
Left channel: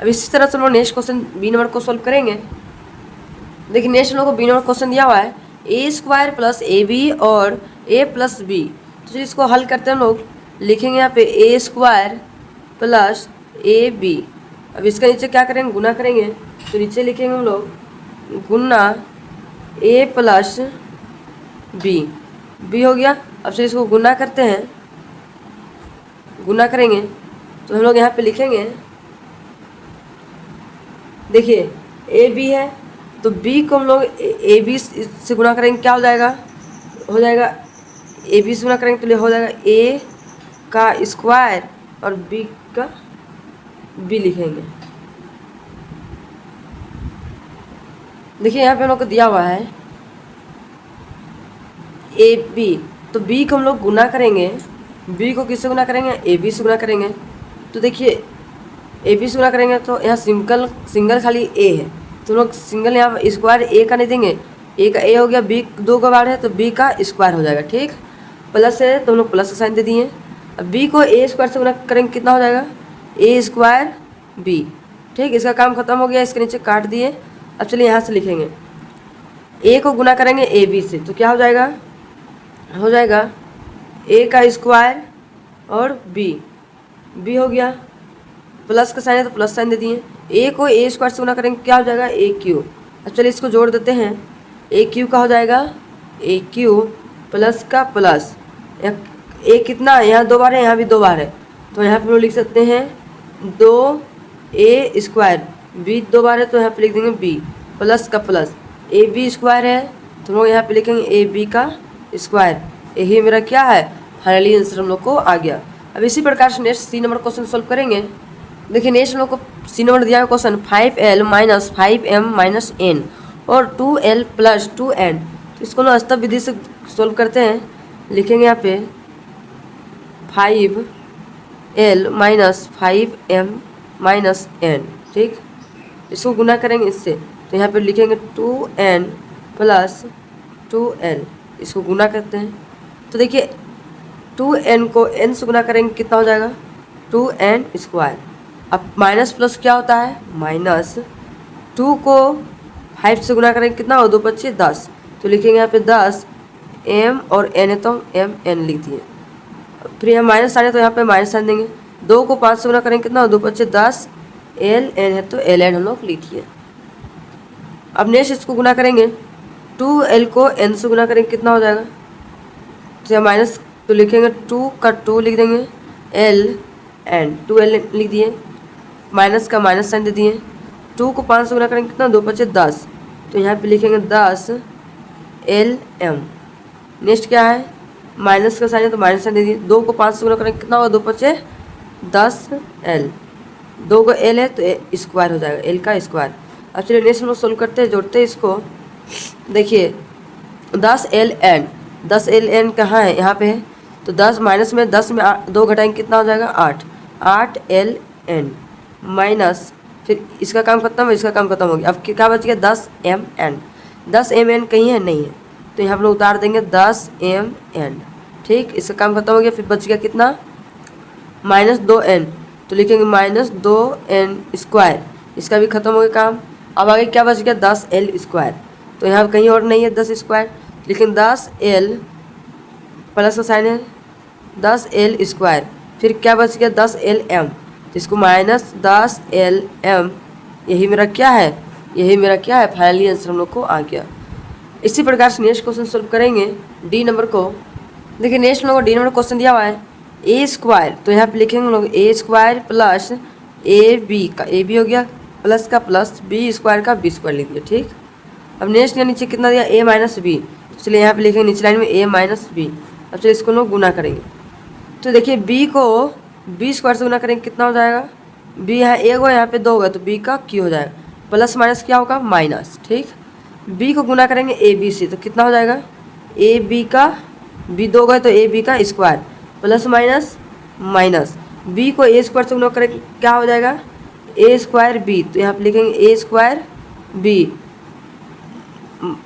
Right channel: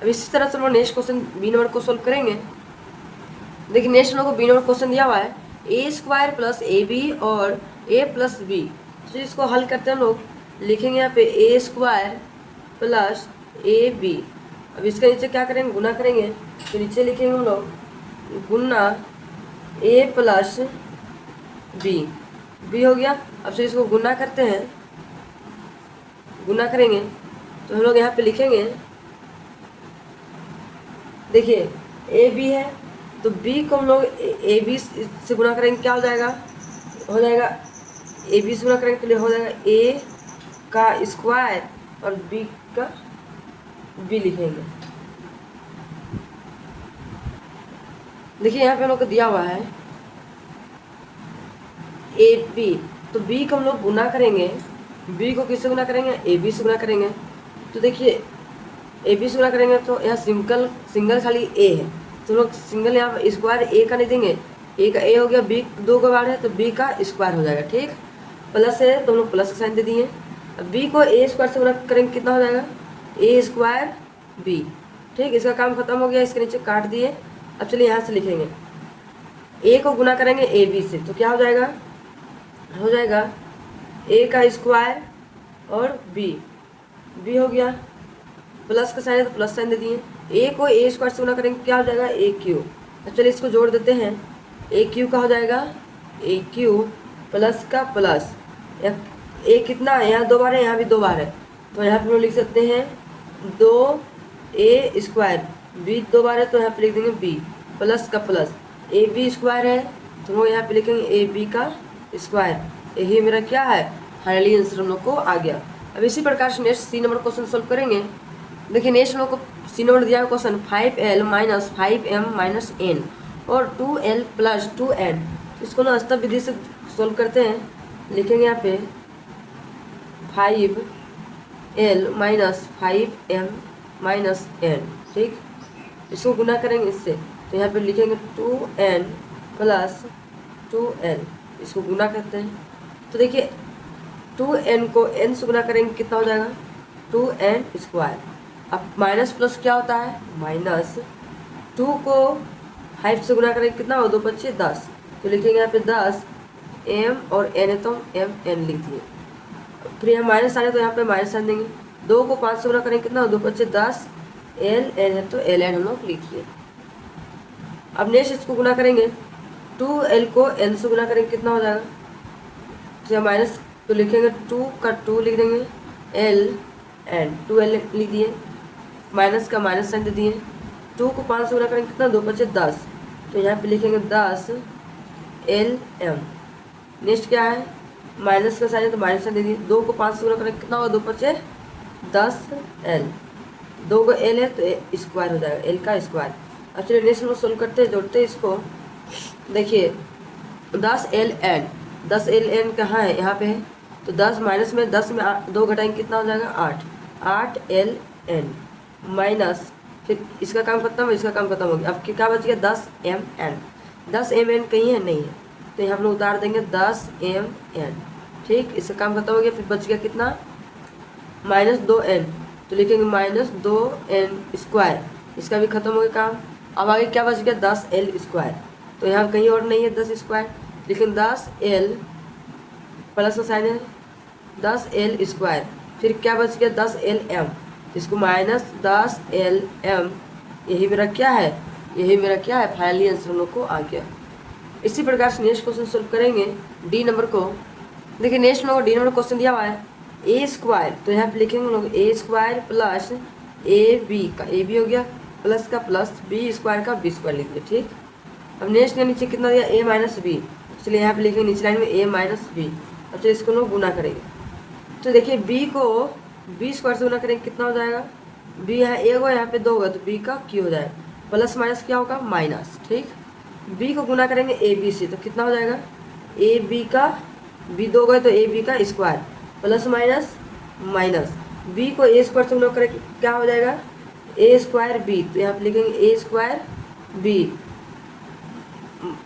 अब इसी तरह से हम लोग नेक्स्ट क्वेश्चन बी नंबर को सोल्व करेंगे। देखिए नेक्स्ट हम लोग को बी नंबर क्वेश्चन दिया हुआ है a² + ab और a + b। तो इसको हल करते हैं हम लोग, लिखेंगे यहाँ पे a² + ab। अब इसका नीचे क्या करेंगे? गुना करेंगे, तो नीचे लिखेंगे हम लोग गुना a + b हो गया। अब से इसको गुना करते हैं, गुना करेंगे तो हम लोग यहाँ पे लिखेंगे, देखिए ए बी है तो बी को हम लोग ए बी से गुना करेंगे, क्या हो जाएगा? हो जाएगा ए बी से गुना करेंगे तो हो जाएगा a का स्क्वायर और b का b लिखेंगे। देखिए यहाँ पे हम लोग को दिया हुआ है ए बी, तो b को हम लोग गुना करेंगे, b को किससे गुना करेंगे? ए बी से गुना करेंगे। तो देखिए ए बी से गुना करेंगे तो यहाँ सिंगल खाली ए है, तो लोग सिंगल यहाँ स्क्वायर ए का नहीं देंगे, ए का ए हो गया, बी 2 का बार है तो बी का स्क्वायर हो जाएगा। ठीक, प्लस है तो हम लोग प्लस का साइन दे दिए। अब बी को ए स्क्वायर से गुना करेंगे कितना हो जाएगा? a² b। ठीक, इसका काम खत्म हो गया, इसके नीचे काट दिए। अब चलिए यहाँ से लिखेंगे, a को गुना करेंगे ए बी से तो क्या हो जाएगा? हो जाएगा a का स्क्वायर और b हो गया, प्लस का साइन है तो प्लस साइन दे दिए। a को a² से गुना करेंगे क्या हो जाएगा? aq। अब चलिए इसको जोड़ देते हैं, aq का हो जाएगा aq प्लस का प्लस a कितना है? यहाँ 2 बार है, यहाँ भी 2 बार है, तो यहाँ पे लिख सकते हैं 2a², b 2 बार है तो यहाँ पे लिख देंगे b प्लस का प्लस ab² है तो हम लोग यहाँ पे लिखेंगे ab का स्क्वायर। यही मेरा क्या है? फाइनली आंसर हम लोग को आ गया। अब इसी प्रकार से next C number question solve करेंगे। देखिए नेक्स्ट हम लोग को सी नंबर दिया है क्वेश्चन 5l - 5m - n और 2l + 2n। तो इसको ना अस्तव विधि से सोल्व करते हैं, लिखेंगे यहाँ पे 5l - 5m - n। ठीक, इसको गुना करेंगे इससे तो यहाँ पे लिखेंगे 2n + 2l। इसको गुना करते हैं तो देखिए 2n को n से गुना करेंगे कितना हो जाएगा? 2n²। अब माइनस प्लस क्या होता है? माइनस 2 को 5 से गुना करेंगे कितना हो? 2 × 5 = 10, तो लिखेंगे यहाँ पे 10 m और n है तो m n लिख दिए। फिर यहाँ माइनस साइन है तो यहाँ पे माइनस साइन देंगे। 2 को 5 से गुना करेंगे कितना हो? 2 × 5 = 10 l n है तो l n हम लोग लिख दिए। अब नेक्स्ट इसको गुना करेंगे, 2l को n से गुना करेंगे कितना हो जाएगा? तो माइनस तो लिखेंगे 2 का 2 लिख देंगे, l n 2l लिख दिए, माइनस का माइनस साइन दे दिए। 2 को 5 से गुना करेंगे कितना? 2 × 5 = 10, तो यहाँ पे लिखेंगे 10 l m। नेक्स्ट क्या है? माइनस का साइन है तो माइनस साइन दे दिए। 2 को 5 से गुना करेंगे कितना होगा? 2 × 5 = 10 l। 2 को l है तो स्क्वायर हो जाएगा, l का स्क्वायर। अब चलिए नेक्स्ट हम लोग सोल्व करते हैं, जोड़ते हैं इसको। देखिए 10 l n, 10 l n कहाँ है? यहाँ पे है, तो 10 माइनस में 10 में 2 घटाएंगे कितना हो जाएगा? 8 l n माइनस, फिर इसका काम खत्म है, इसका काम खत्म हो गया। अब क्या बच गया? 10 m n। 10 m n कहीं है? नहीं है, तो यहाँ हम लोग उतार देंगे 10 m n। ठीक, इसका काम खत्म हो गया। फिर बच गया कितना? -2n, तो लिखेंगे -2n²। इसका भी खत्म हो गया काम। अब आगे क्या बच गया? 10l²। तो यहाँ कहीं और नहीं है 10², लेकिन 10l प्लस का साइन है 10l²। फिर क्या बच गया? 10l m, तो इसको -10 LM, यही मेरा क्या है, यही मेरा क्या है, फाइनली आंसर हम लोग को आ गया। इसी प्रकार से नेक्स्ट क्वेश्चन सॉल्व करेंगे डी नंबर को। देखिए नेक्स्ट हम लोग को डी नंबर क्वेश्चन दिया हुआ है ए स्क्वायर, तो यहाँ पे लिखेंगे हम लोग ए स्क्वायर प्लस ए बी का, ए बी हो गया, प्लस का प्लस, बी स्क्वायर का बी स्क्वायर लिख दिया। ठीक, अब नेक्स्ट यहाँ नीचे कितना दिया, ए माइनस बी, चलिए यहाँ पे लिखेंगे नीचे लाइन में ए माइनस बी। अब चलिए इसको लोग गुना करेंगे, तो देखिए बी को बी स्क्वायर से गुना करेंगे कितना हो जाएगा, बी यहाँ एक हो, यहाँ पे 2 होगा, तो बी का क्यू हो जाएगा, प्लस माइनस क्या होगा, माइनस। ठीक, बी को गुना करेंगे ए बी से, तो कितना हो जाएगा, ए बी का, बी 2 गए तो ए बी का square, plus minus minus, B को ए स्क्वायर से गुना करेंगे क्या हो जाएगा, ए स्क्वायर बी, तो यहाँ पे लिखेंगे A square B,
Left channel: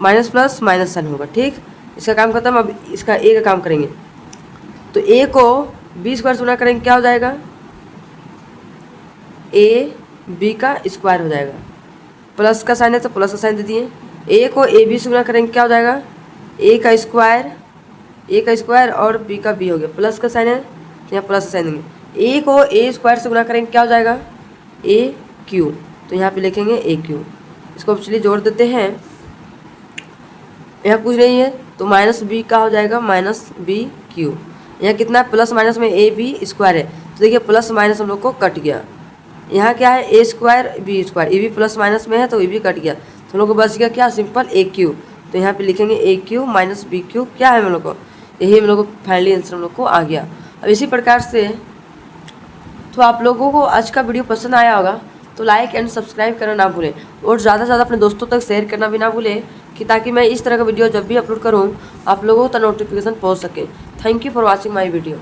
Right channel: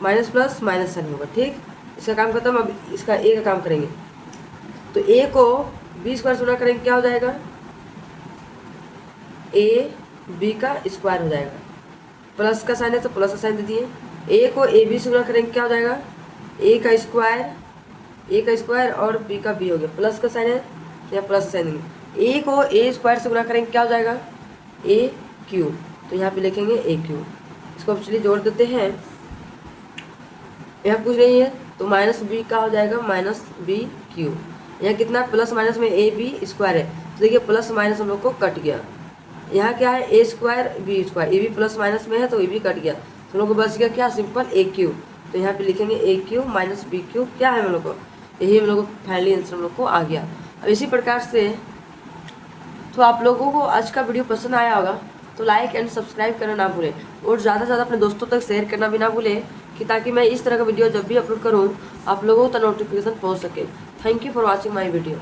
minus plus minus sign होगा। ठीक, इसका काम खत्म। अब इसका ए का काम करेंगे, तो ए को बी स्क्वायर से गुना करेंगे क्या हो जाएगा, ए बी का स्क्वायर हो जाएगा, प्लस का साइन है तो प्लस का साइन दे दिए। ए को ए बी से गुना करेंगे क्या हो जाएगा, ए का स्क्वायर और बी का बी हो गया, प्लस का साइन है यहाँ प्लस का साइन देंगे। ए को ए स्क्वायर से गुना करेंगे क्या हो जाएगा, ए क्यू, तो यहाँ पे लिखेंगे ए क्यू। इसको चलिए जोड़ देते हैं, यहाँ पूछ रही है तो माइनस बी का हो जाएगा माइनस बी क्यू, यहाँ कितना प्लस माइनस में ए बी स्क्वायर है, तो देखिए प्लस माइनस हम लोग को कट गया। यहाँ क्या है, ए स्क्वायर बी स्क्वायर, ए भी प्लस माइनस में है तो ए भी कट गया, तो हम लोग को बच गया क्या, सिंपल ए क्यू। तो यहाँ पे लिखेंगे ए क्यू माइनस बी क्यू, क्या है हम लोग को, यही हम लोग को फाइनली आंसर हम लोग को आ गया। अब इसी प्रकार से तो आप लोगों को आज का वीडियो पसंद आया होगा तो लाइक एंड सब्सक्राइब करना ना भूलें, और ज़्यादा से ज़्यादा अपने दोस्तों तक शेयर करना भी ना भूलें, कि ताकि मैं इस तरह का वीडियो जब भी अपलोड करूँ आप लोगों तक नोटिफिकेशन पहुँच सके। Thank you for watching my video.